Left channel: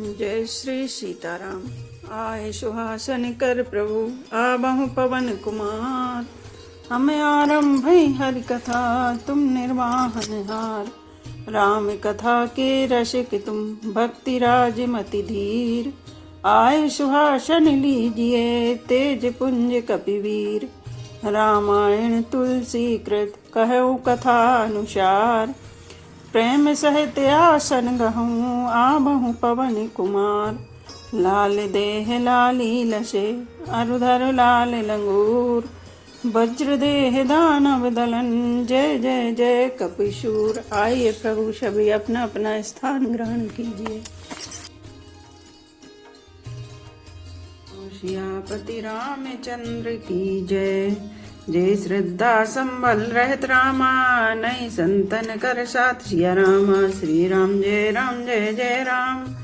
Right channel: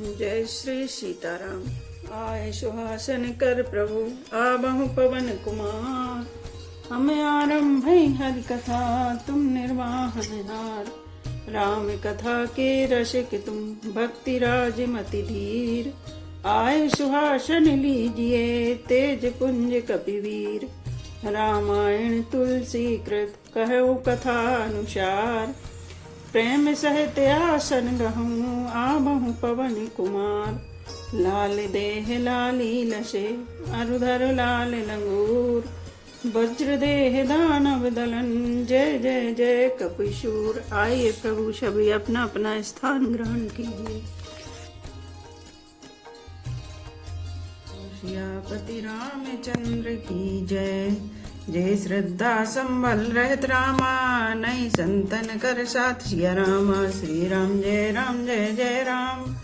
जय श्री सीताराम। आए सुहासन कर प्रभु आबहु पवन कुमार। हमें आरंभ हरि कथा तुम निर्वाहन हार। राम कथा के रसिक तुम भक्ति राज मति धीर। आए सुहासन लीजिए तेज पुंज कपिवीर। रामायण तुलसी कृत कहु कथा अनुसार। प्रेम सहित आसन गहूँ आबहु पवन कुमार। लाल देह लाली लसे अरुधर लाल लंगूर। वज्र देह दानव दलन जय जय जय कपिशूर। आइए प्रभु सभी अपना अपना स्थान ग्रहण कीजिए। सियापति रामचंद्र की जय। जय श्रद्धा संबल रहित रामा नई संतन कर साथ सिया रामा। श्री राम जय जय राम।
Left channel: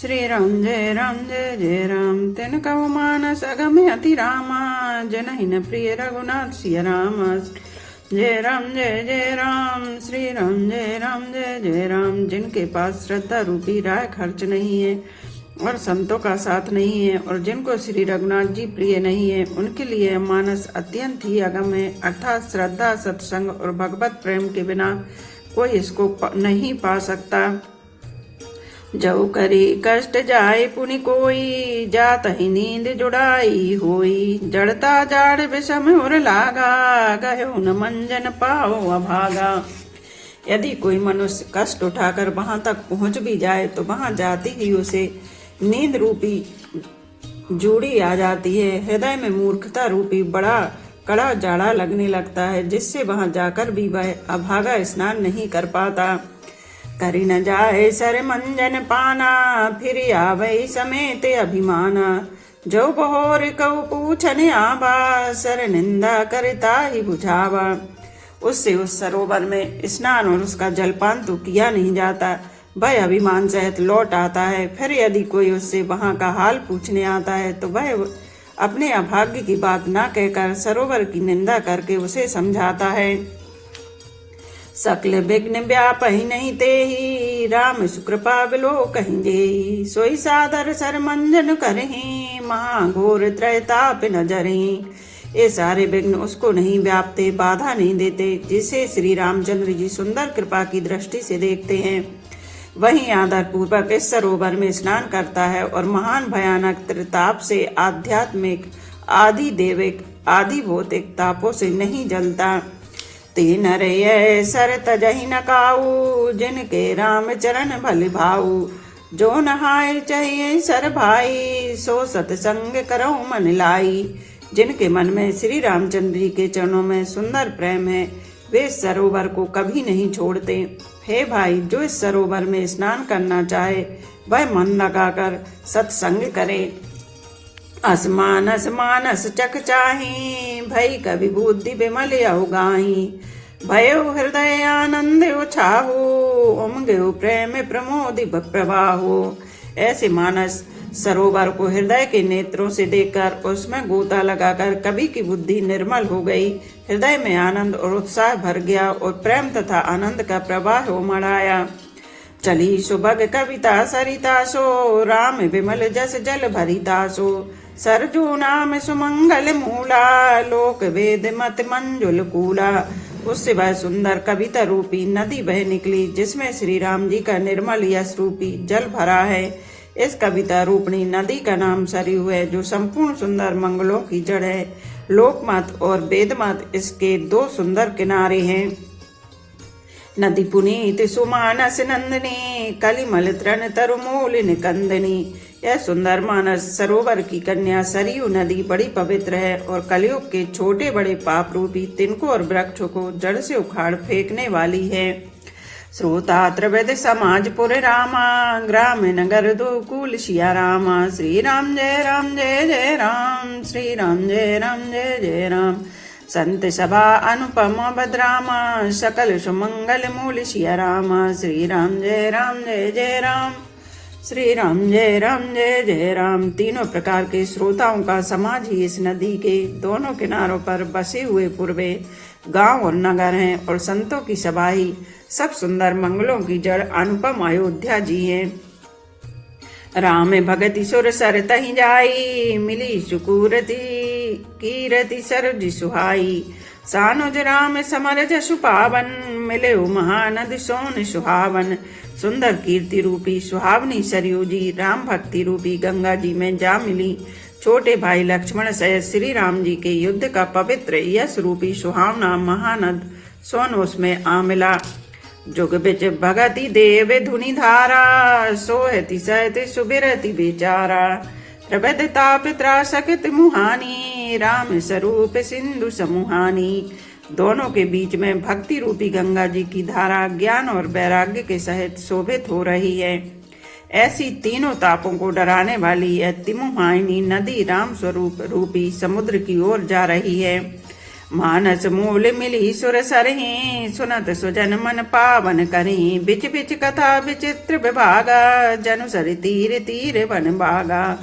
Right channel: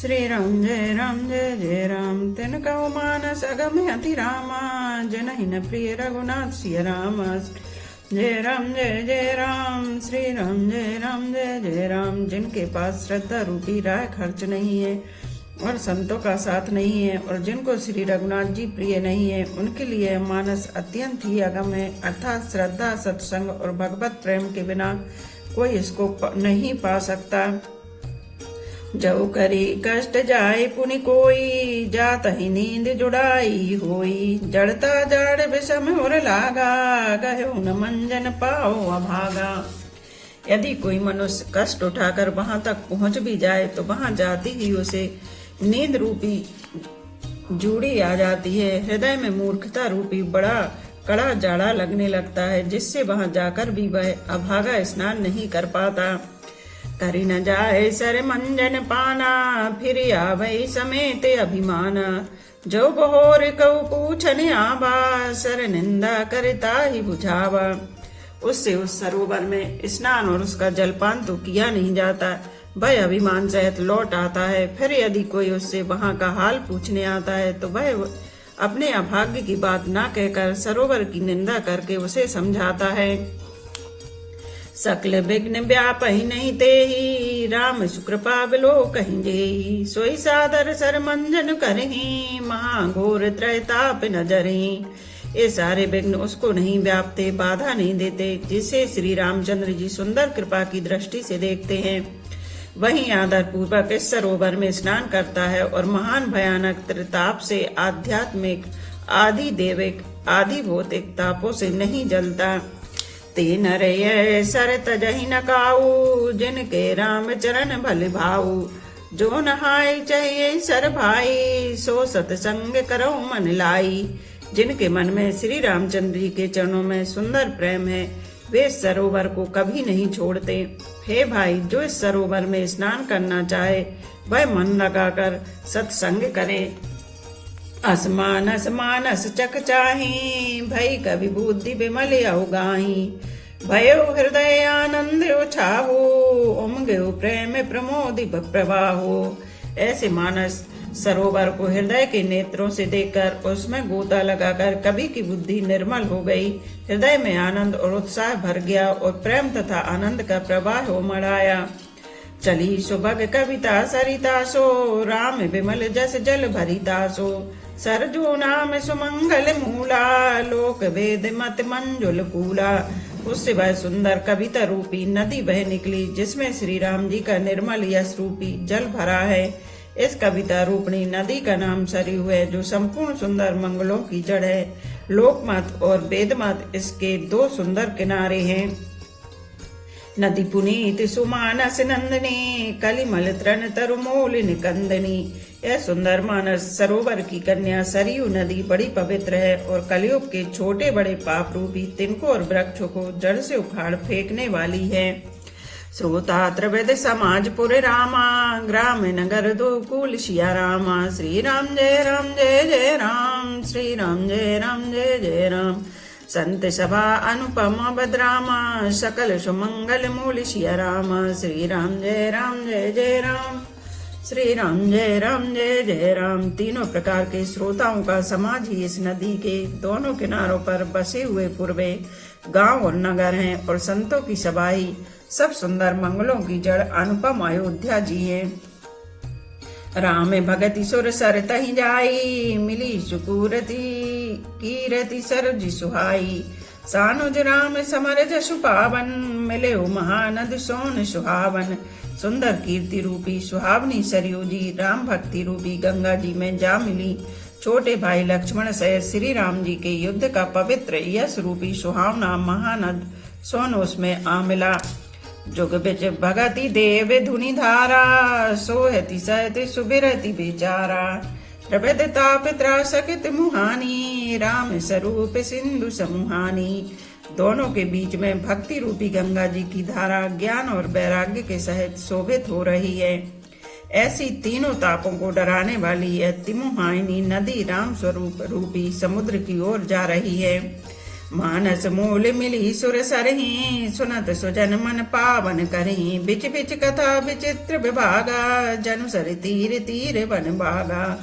श्री राम जय जय राम। तिन कहो मानस अगम अति रामा। जनहिन प्रिय रघुनाथ सिया रामा। जय राम श्री राम जय राम। जिनके पास श्रद्धा रूपी राय खर्च नहीं है और संतों का साथ नहीं है और जिनको श्री रघुनाथ जी प्रिय नहीं है, उनके लिए मानस अत्यंत ही अगम है। अर्थात श्रद्धा सत्संग और भगवत प्रेम के बिना कोई इसको नहीं पा सकता। जब करी कष्ट जाए पुनि कोई जात ही नींद जुड़ाई होई। जड़ता जाड़ विषम उर लागा गयो न मंजन पाओ अभागा। यदि कोई मनुष्य कष्ट उठाकर वहां तक पहुंच भी जाए तो वहां जाती ही उसे नींद रूपी जूड़ी आ जाती है। हृदय में मूर्खता रूपी बड़ा कड़ा जाड़ा लगने लगता है, जिससे वहां जाकर भी वह अभागा स्नान नहीं कर पाता। करी न जाए सर मंजन पाना फिर आवे समेत अभिमाना। जो बहोर कऊ पूछन आबा सर निंदा करता ही बुझावा। उससे उस सरोवर में स्नान और उसका जलपान तो किया नहीं जाता, वह अभिमान सहित लौट आता है। फिर यदि कोई उससे वहां का हाल पूछने आता है तो वह अपने अभाग्य की बात ना कहकर सरोवर की निंदा करके उसे समझाता है। सकल विघ्न व्यापहि नहीं तेहि राम सुकृपा बिलो कहीं जेहि। सोई सादर सर मंजन करहि महाघोर त्रयताप नजरहि। ये सारे विघ्न उसको नहीं व्यापते, बाधा नहीं देते, जिसे श्री रामचंद्र जी सुंदर कृपा की दृष्टि से देखते हैं। वहीं आदर पूर्वक इस सरोवर में स्नान करता है और महान भयानक त्रिताप से आध्यात्मिक आदि देविक आदि भौतिक तापों से नहीं जलता। तीन रे सर तजहि न काऊ जिनके राम चरण भल भाऊ। जो नहाय चाहिए सर भाई सो सतसंग करो मन लाई। जिनके मन में श्री रामचंद्र जी के चरणों में सुंदर प्रेम है, वे सरोवर को कभी नहीं छोड़ते। हे भाई, जो इस सरोवर में स्नान करना चाहे वह मन लगाकर सत्संग करे। असमानस मानस चक चाही भई कवि बुद्धि विमल अवगाही। भयो हृदय आनंद उछाहो उमगो प्रेम प्रमोद प्रवाहो। ऐसे मानस सरोवर को हृदय के नेत्रों से देखकर उसमें गोता लगाकर कवि की बुद्धि निर्मल हो गई। हृदय में आनंद और उत्साह भर गया और प्रेम तथा आनंद का प्रवाह उमड़ आया। चली सुभग कविता सरिता सो राम विमल जस जल भरिता सो। सरजू नाम सुमंगल मूला लोक वेद मत मंजुल कूला। उससे वह सुंदर कविता रूपी नदी बह निकली, जिसमें श्री राम जी का निर्मल यश रूपी जल भरा है। इस कविता रूपणी नदी का नाम सरयू है, जो संपूर्ण सुंदर मंगलों की जड़ है। लोकमत और वेदमत इसके दो सुंदर किनारे हैं। नदी पुनीत सुमानस नंदनी कलिमल तृण तरुमूल निकंदनी। यह सुंदर मानस सरोवर की कन्या सरयू नदी बड़ी पवित्र है और कलयुग के छोटे बड़े पाप रूपी तिनकों और वृक्षों को जड़ से उखाड़ फेंकने वाली है। श्रोता त्रिविध समाजपुर रामा ग्राम नगर दो कुल सिया रामा। श्री राम जय जय राम। श्री राम जय जय राम। संत सभा अनुपम बदरामा सकल सुमंगल मूल सिया रामा। श्री राम जय जय राम। श्री राम जय जय राम। तीनों प्रकार के श्रोताओं का समाज ही इस नदी के दोनों किनारों पर बसे हुए पूर्वे गांव और नगर हैं और संतों की सभा ही सब सुंदर मंगलों की जड़ अनुपम अयोध्या जी है। राम भगति सुर सर तहि जाई, मिली सुकूरति कीरति सरोज सुहाई। सानुज राम समर जसु पावन, मिले महानद सोन सुहावन। सुंदर कीर्ति रूपी सुहावनी सरयू जी राम भक्ति रूपी गंगा जी में जा मिली। छोटे भाई लक्ष्मण सहित श्री राम जी के युद्ध का पवित्र यश रूपी सुहावना महानद सोन उसमें आ मिला। जुग बिच भगति देव धुनि धारा, सोहति सहति सुबिरति बेचारा। प्रबद ताप त्रासकत मुहानी, राम स्वरूप सिंधु समूहानी। दोनों के बीच में भक्ति रूपी गंगा जी की धारा ज्ञान और वैराग्य के सहित शोभित हो रही है। ऐसी तीनों तापों को डराने वाली यह तिमुहाइनी नदी राम स्वरूप रूपी समुद्र की ओर जा रही है। मानस मूल मिली सुर सरहि, सुनत सुजन मन पावन करें। बिच बिच कथा विचित्र विभागा, जनु सर तीर तीर वन भागा।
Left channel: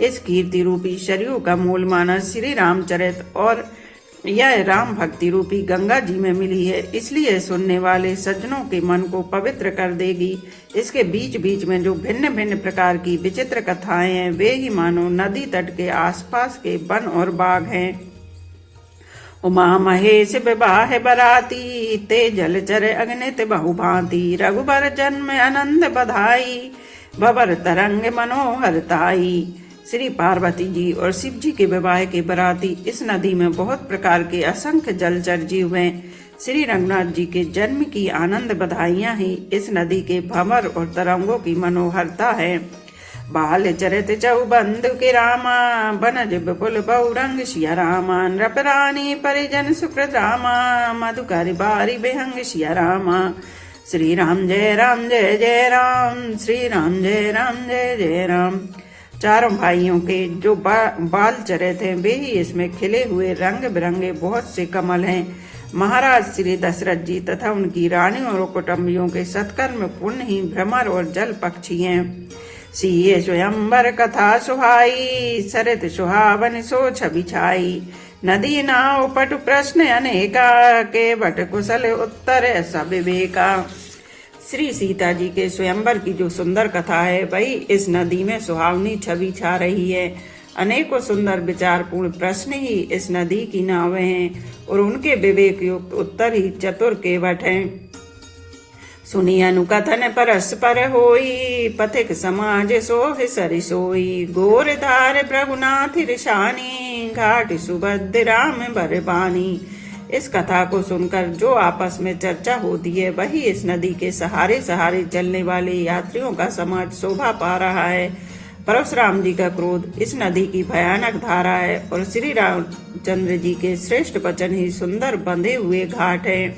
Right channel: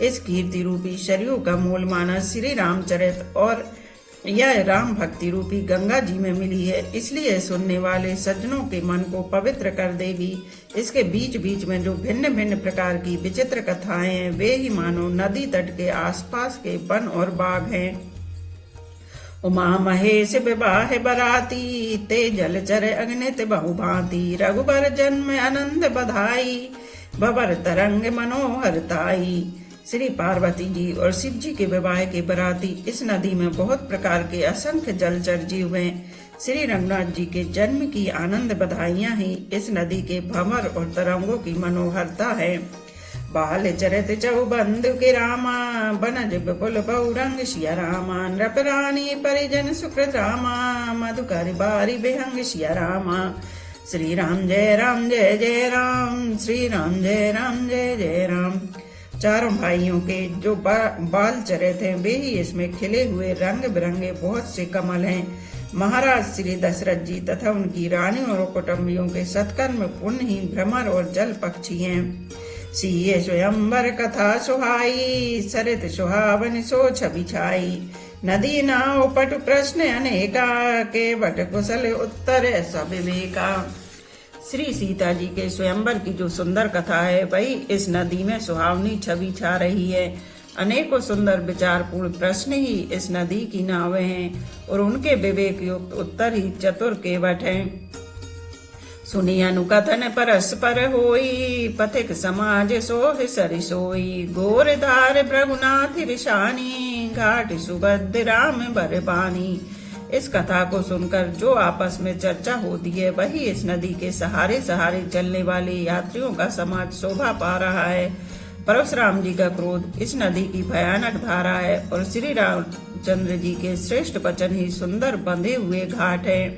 इस कीर्ति रूपी सरयू का मूल मानस श्री रामचरित और यह राम भक्ति रूपी गंगा जी में मिली है, इसलिए सुनने वाले सज्जनों के मन को पवित्र कर देगी। इसके बीच बीच में जो भिन्न भिन्न प्रकार की विचित्र कथाएं हैं, वे ही मानो नदी तट के आसपास के वन और बाग हैं। उमा महेश विवाह बराती, ते जलचर अग्नित बहुभांति। रघुबर जन्म आनंद बधाई, भवर तरंग मनोहरताई। श्री पार्वती जी और शिव जी के विवाह के बराती इस नदी में बहुत प्रकार के असंख्य जलचर जीव हैं। श्री रंगनाथ जी के जन्म की आनंद बधाइयां ही इस नदी के भंवर और तरंगों की मनोहरता है। बाल चरित चौबंद के रामा, बनज विपुल बहुरंग सिया रामा। नृप रानी परिजन सुकृत रामा, मधुकर बारी बेहंग सिया रामा। श्री राम जय जय राम, श्री राम जय जय राम। चारों भाइयों के जो बाल चरित हैं, वे ही इसमें खिले हुए रंग बिरंगे बहुत से कमल हैं। महाराज श्री दशरथ जी तथा उनकी रानी और कुटुंबियों के सत्कर्म पुण्य ही भ्रमर और जल पक्षी हैं। सीए स्वयंवर कथा सुहाई, सरित सुहावन सो छवि छाई। नदी नाव पट प्रश्न अनेका, के बट कुशल उत्तर ऐसा विवेका। श्री सीता जी के स्वयंवर की जो सुंदर कथा है, वही इस नदी में सुहावनी छवि छा रही है। अनेकों सुंदर विचारपूर्ण प्रश्न ही इस नदी की नावें हैं और उनके विवेक युक्त उत्तर ही चतुर केवट हैं। सुनी अनुकथन परस्पर होई, पथिक समाज सोह सरि सोई। गोर धार प्रभुनाथ ऋषानी, घाट सुभद्र राम बरबानी। इस कथा को सुनकर जो आपस में चर्चा होती है, वही इस नदी के सहारे सहारे चलने वाले यात्रियों का समाज शोभा पा रहा है। परशुराम जी का क्रोध इस नदी की भयानक धारा है और श्री रामचंद्र जी के श्रेष्ठ वचन ही सुंदर बंधे हुए घाट है।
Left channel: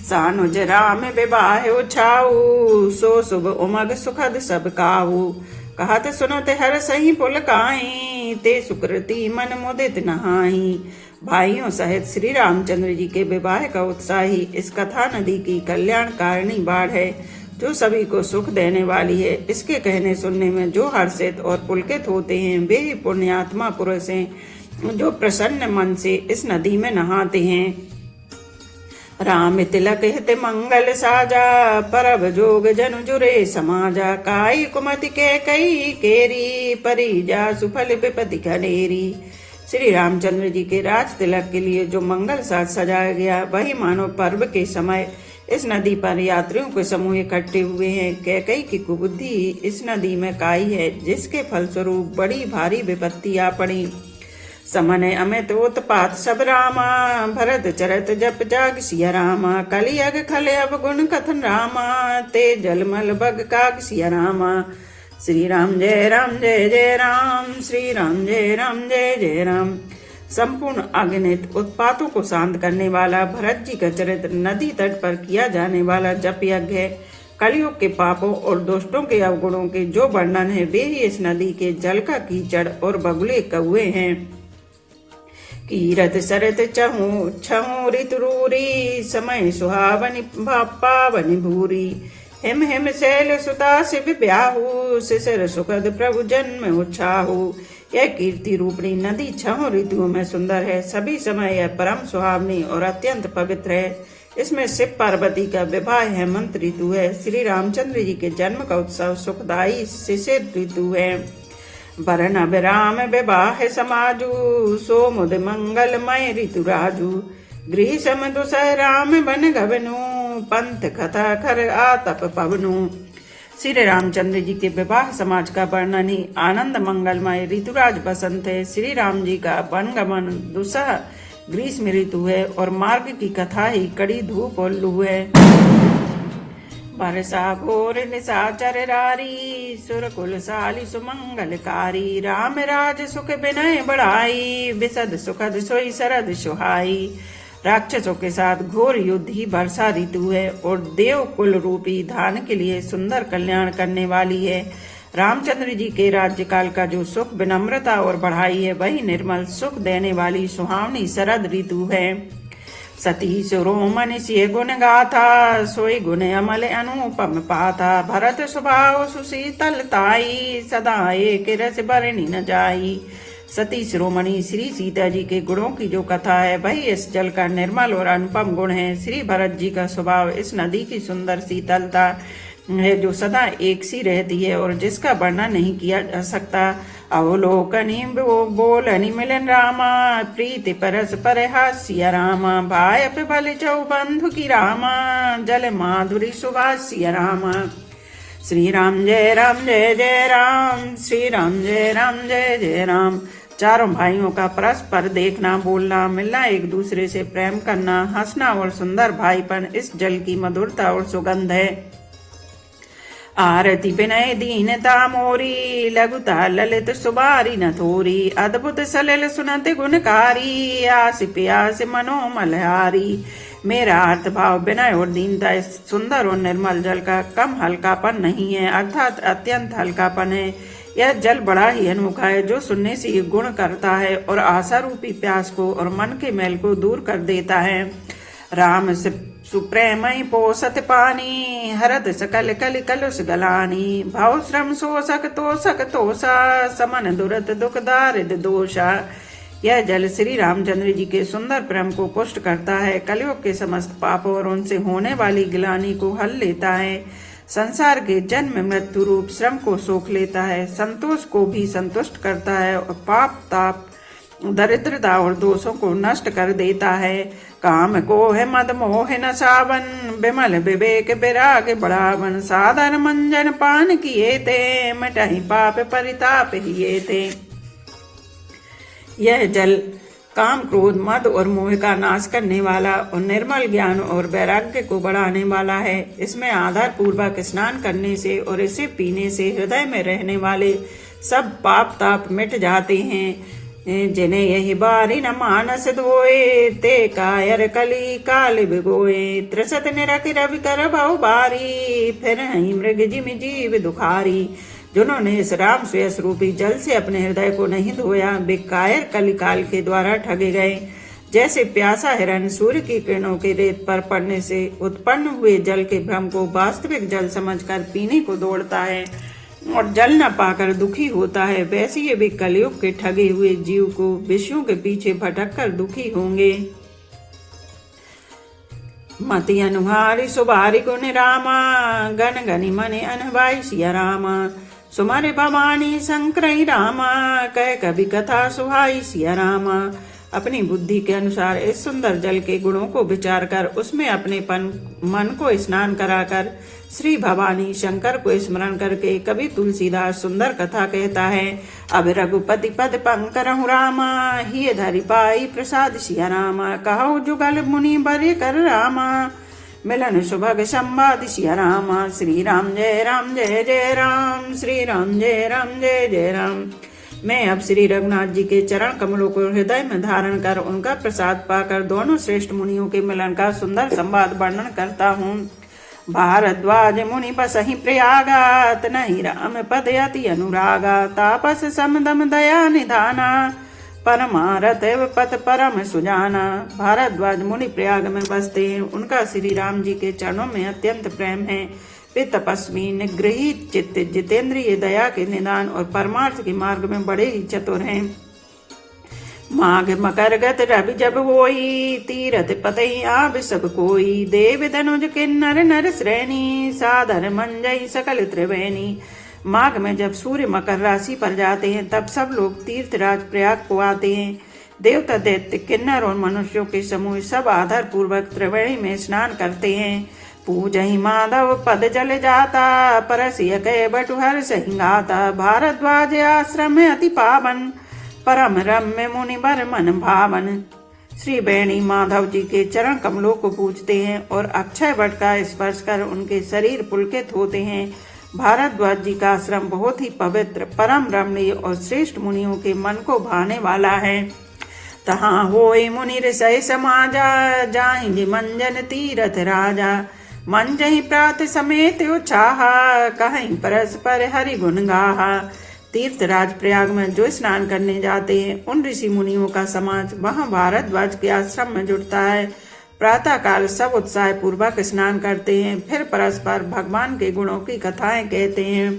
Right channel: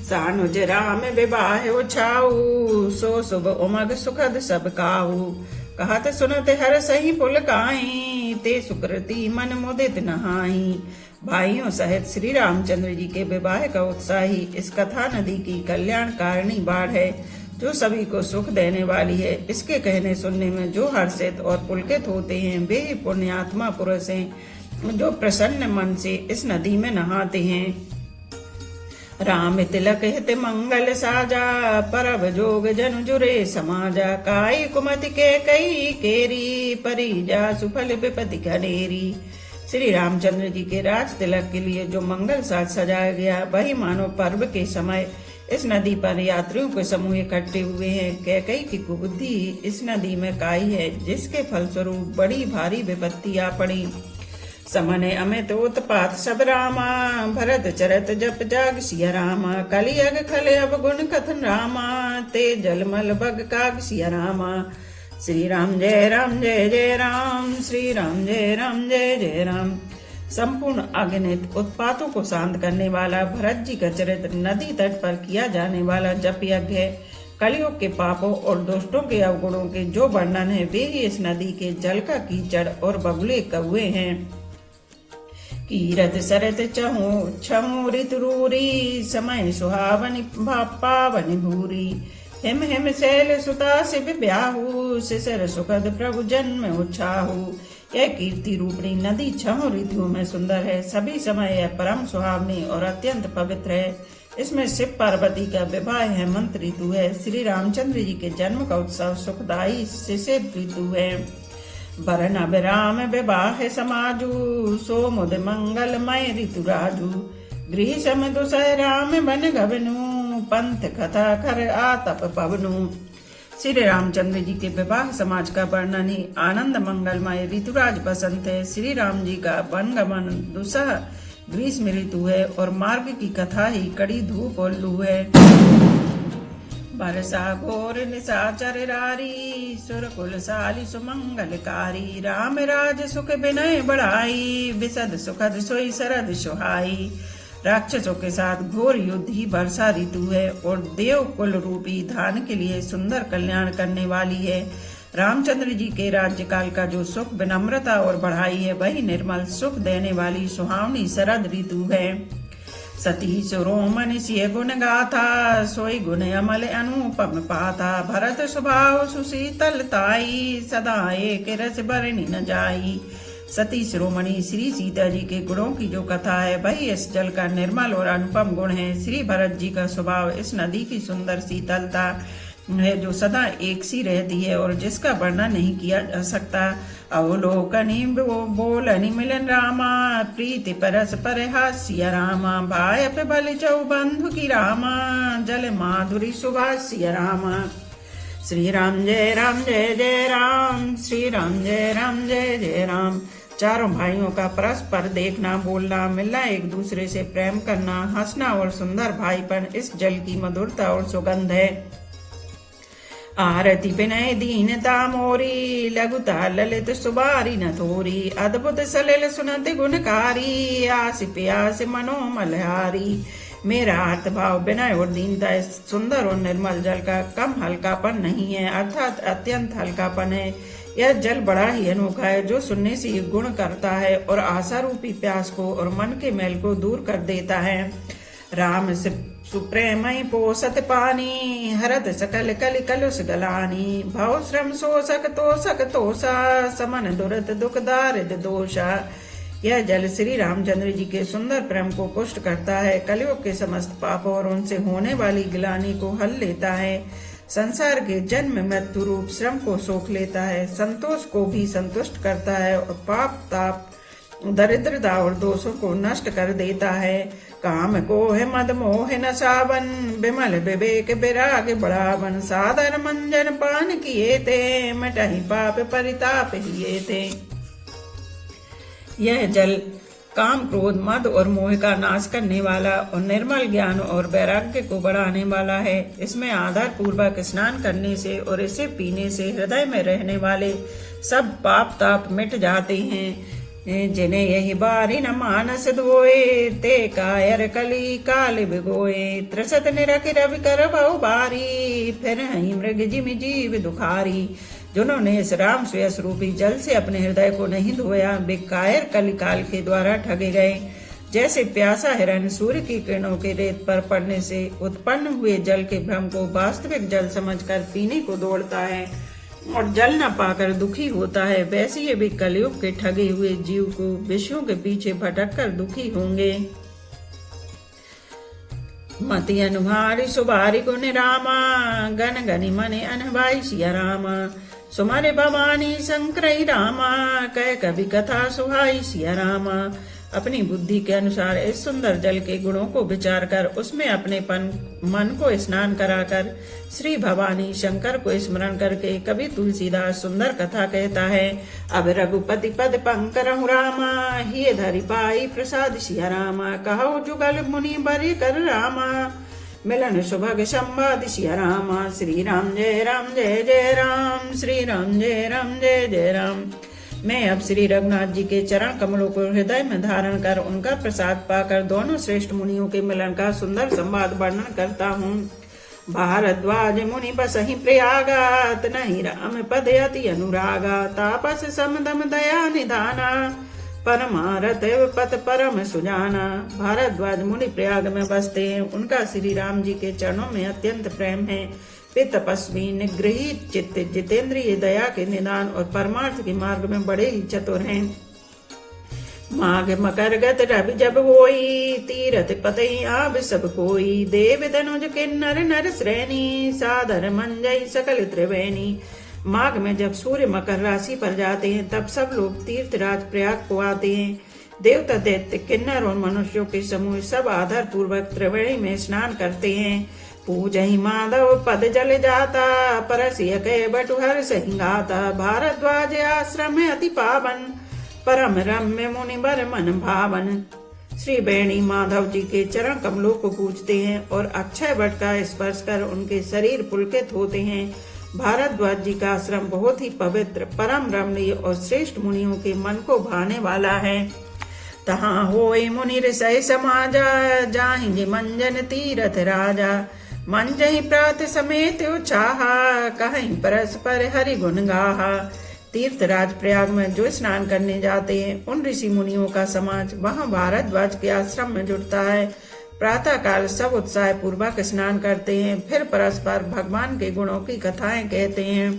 सानुज राम विवाह छाऊ, सो शुभ उमग सुखद सब काऊ। कहत सुनत हर सही पुलकाई, ते सुकृति मन मुदित नहाई। भाइयों सहित श्री रामचंद्र जी के विवाह का उत्साह ही इस कथा नदी की कल्याणकारिणी बाढ़ है, जो सभी को सुख देने वाली है। इसके कहने सुनने में जो हर्षित और पुलकित होते हैं, वे ही पुण्यात्मा पुरुष हैं, जो प्रसन्न मन से इस नदी में नहाते हैं। राम तिलक हित मंगल साजा, परब जोग जन जुरे समाजा। काई कुमति के कई केरी, परिजा सुफल विपति घनेरी। श्री रामचंद्र जी के राज तिलक के लिए जो मंगल साज सजाया गया, वही मानो पर्व के समय इस नदी पर यात्रियों के समूह इकट्ठे हुए हैं। कैकई की कुबुद्धि इस नदी में काई है, जिसके फलस्वरूप बड़ी भारी विपत्ति आ पड़ी। समने अमित उत्पात सब रामा, भरत चरत जप जाग सिया रामा। कलियग खले अवगुण कथन रामा, ते जलमल बग काग सिया रामा। श्री राम जय जय राम, श्री राम जय जय राम। संपूर्ण अगणित उत्पातों को शांत करने वाला भरत जी का चरित्र नदी तट पर किया जाने वाला जप यज्ञ है। कलयुग के पापों और दुष्टों के अवगुणों के जो वर्णन है, वे ही इस नदी के जल का कीचड़ और बगुले कौए हैं। कीरत सरत चहु छहु ऋतुरूरी, समय सुहावनि पावनि भूरी। हिम हिम शैल सुता से ब्याहु, शिशिर सुखद प्रभु जन्म उछाहु। यह कीर्ति रूपणी नदी छहों ऋतुओं में सुंदर है। सभी समय यह परम सुहावनी और अत्यंत पवित्र है। इसमें शिव पार्वती का विवाह हेमंत ऋतु है। श्री रामचंद्र जी के जन्म का उत्सव सुखदायी शिशिर ऋतु है। वरण अभिराम विवाह समाजु सोमुद मंगलमय ऋतु राजू। गृह सम दुसह राम बन गवनु पंथ कथा कर आतप पवनु। श्री रामचंद्र जी के विवाह समाज का वर्णन ही आनंद मंगलमय ऋतुराज बसंत है। श्री राम जी का वनगमन दुसह ग्रीष्म ऋतु है और मार्ग की कथा ही कड़ी धूप और लू है। बरसा घोर निशाचर रारी सुर कुल साली सुमंगलकारी। राम राज सुख विनय बढ़ाई विशद सुखद सोई शरद सुहाई। राक्षसों के साथ घोर युद्ध ही वर्षा ऋतु है और देव कुल रूपी धान के लिए सुंदर कल्याण करने वाली है। रामचंद्र जी के राज्यकाल का जो सुख विनम्रता और बढ़ाई है वही निर्मल सुख देने वाली सुहावनी शरद ऋतु है। सती सुरोमणि सिय गुण गाथा सोई गुण अमल अनुपम पाथा। भरत स्वभाव सुशीतलताई सदा एक रस बरनी न जाई। सती शिरोमणि श्री सीता जी के गुणों की जो कथा है वही इस जल का निर्मल और अनुपम गुण है। श्री भरत जी का स्वभाव इस नदी की सुंदर शीतलता है जो सदा एक सी रहती है और जिसका वर्णन नहीं किया जा सकता। अवलोकनी बोलनी मिलन रामा प्रीति परस पर हास्य रामा। भाय पे बल चौ बंधु की रामा जल माधुरी सुभाष्य रामा। श्री राम जय राम श्री राम जय जय राम। चारों भाइयों का परस्पर देखना बोलना मिलना एक दूसरे से प्रेम करना हंसना और सुंदर भाईपन इस जल की मधुरता और सुगंध है। आरती विनय दीनता मोरी लघुता ललित सुबारी न थोरी। अद्भुत सलिल सुनत गुणकारी आस प्यास मनोमलहारी। मेरा अर्थ भाव विनय और दीनता इस सुंदर और निर्मल जल का कम हल्कापन नहीं है अर्थात अत्यंत हल्कापन है। यह जल बड़ा ही अनोखा है जो सुनने से ये गुण करता है और आशा रूपी प्यास को और मन के मैल को दूर कर देता है। राम से सुप्रेमय पोषत पानी हरद सकल कलि कलुष गलानी। भाव श्रम शोषक तोषा समन दुरत दुख दारिद दोषा। यह जल श्री रामचंद्र जी के सुंदर प्रेम को पुष्ट करता है। कलयुग के समस्त पापों और उनसे होने वाली गिलानी को हल लेता है। संसार के जन्म मृत्यु रूप श्रम को सोख लेता है। संतोष को भी संतुष्ट करता है और पाप ताप दरिद्रता और दोषों को नष्ट कर देता है। काम को है मद मोह न सावन विमल विवेक विराग बढ़ावन। साधर मंजन पान किए थे मिटाई पाप परिताप हिए थे। यह जल काम क्रोध मद और मोह का नाश करने वाला और निर्मल ज्ञान और वैराग्य को बढ़ाने वाला है। इसमें आधार पूर्वक स्नान करने से और इसे पीने से हृदय में रहने वाले सब पाप ताप मिट जाते हैं। जिन्हें यही बारी न मानस धोए ते कायर कली काल भिगोए। त्रिशत निरख रवि कर बहु बारी फिर हई मृग जिमि जीव दुखारी। जिन्होंने इस राम श्रेयस रूपी जल से अपने हृदय को नहीं धोया वे कायर कलिकाल के द्वारा ठगे गए। जैसे प्यासा हिरण सूर्य की किरणों के रेत पर पड़ने से उत्पन्न हुए जल के भ्रम को वास्तविक जल समझकर पीने को दौड़ता है और जल न पाकर दुखी होता है, वैसे ये भी कलयुग के ठगे हुए जीव को विषयों के पीछे भटक कर दुखी होंगे। मति अनुहारी सुबारी गुण रामा गण गनि मने अनभाई सिया रामा। सुमरे भवानी शंकरई रामा कह कभी कथा सुहाई सिया रामा। अपनी बुद्धि के अनुसार इस सुंदर जल के गुणों को विचार कर उसमें अपने मन को स्नान कराकर श्री भवानी शंकर को स्मरण करके कभी तुलसीदास सुंदर कथा कहता है। अब रघुपति पद पंकरहु रामा हिय धरि पाई प्रसाद सिया रामा। कहो जुगल मुनि बरे कर रामा मिलन सुभग संवाद सिया रामा। श्री राम जय जय राम श्री राम जय जय राम। मैं अब श्री रघुनाथ जी के चरण कमलों को हृदय में धारण कर उनका प्रसाद पाकर दोनों श्रेष्ठ मुनियों के मिलन का सुंदर संवाद वर्णन करता हूँ। भारद्वाज मुनि बसहि प्रयागात नहीं राम पद अति अनुरागा। तापस समदम दया निधाना परमारथ पथ परम सुजाना। भारद्वाज मुनि प्रयाग में बसते हैं। उनका श्री राम जी के चरणों में अत्यंत प्रेम है। वे तपस्वी निगृही चित्त जितेंद्रिय दया के निदान और परमार्थ के मार्ग में बड़े ही चतुर हैं। माघ मकर गत रवि जब होई, तीरथ पतई आब सब कोई। देव धनुज किन्नर नर श्रेणी, सादर मंजई सकल त्रिवेणी। माघ में जब सूर्य मकर राशि पर जाते हैं तब सब लोग तीर्थराज प्रयाग को आते हैं। देवता दैत्य किन्नर और मनुष्यों के समूह सब आदर पूर्वक त्रिवेणी में स्नान करते हैं। पूजहि माधव पद जल जाता, परसिय कै बटुहर सिंगाता। भारद्वाज आश्रम में अति पावन, परम रम्य मुनि बर मन भावन। श्री बेणी माधव जी के चरण कमलों को पूजते हैं और अक्षय वट का स्पर्श कर उनके शरीर पुलकित होते हैं। भारद्वाज जी का आश्रम बहुत ही पवित्र, परम रमणीय और श्रेष्ठ मुनियों के मन को भाने वाला है। तहाँ होए मुनि ऋषि समाजा, जाहिंगे मंजन तीरथ राजा। मंजहि प्रात समेत उछाहा, कहीं परस्पर हरि गुण गाहा। तीर्थराज प्रयाग में जो स्नान करने जाते हैं उन ऋषि मुनियों का समाज वहां भारद्वाज के आश्रम में जुटता है। प्रातः काल सब उत्साह पूर्वक स्नान करते हैं, फिर परस्पर भगवान के गुणों की कथाएं कहते हैं।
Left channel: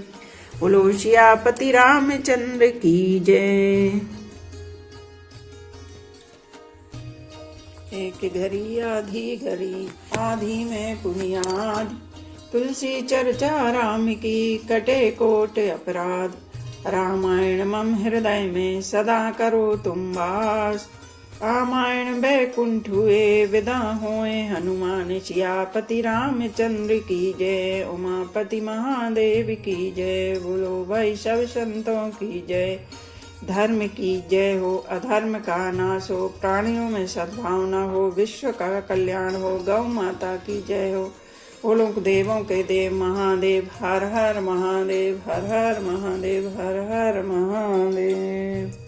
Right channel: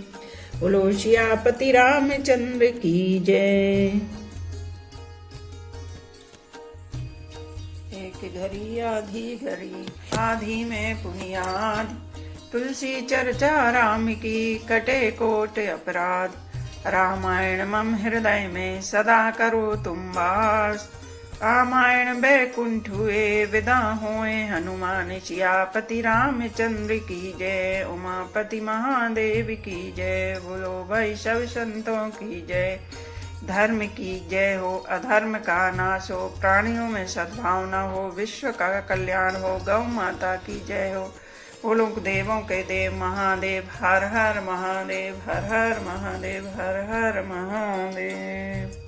बोलो सियापति रामचंद्र की जय। एक घड़ी आधी में पुनियाद, तुलसी चर्चा राम की कटे कोट अपराध। रामायण मम हृदय में सदा करो तुम वास, रामायण बैकुंठ हुए विदा होए हनुमान। सियापति रामचंद्र की जय, उमापति महादेव की जय। बोलो भाई सब संतों की जय। धर्म की जय हो, अधर्म का नाश हो, प्राणियों में सद्भावना हो, विश्व का कल्याण हो, गौ माता की जय हो। बोलो देवों के देव महादेव, हर हर महादेव, हर हर महादेव, हर हर महादेव।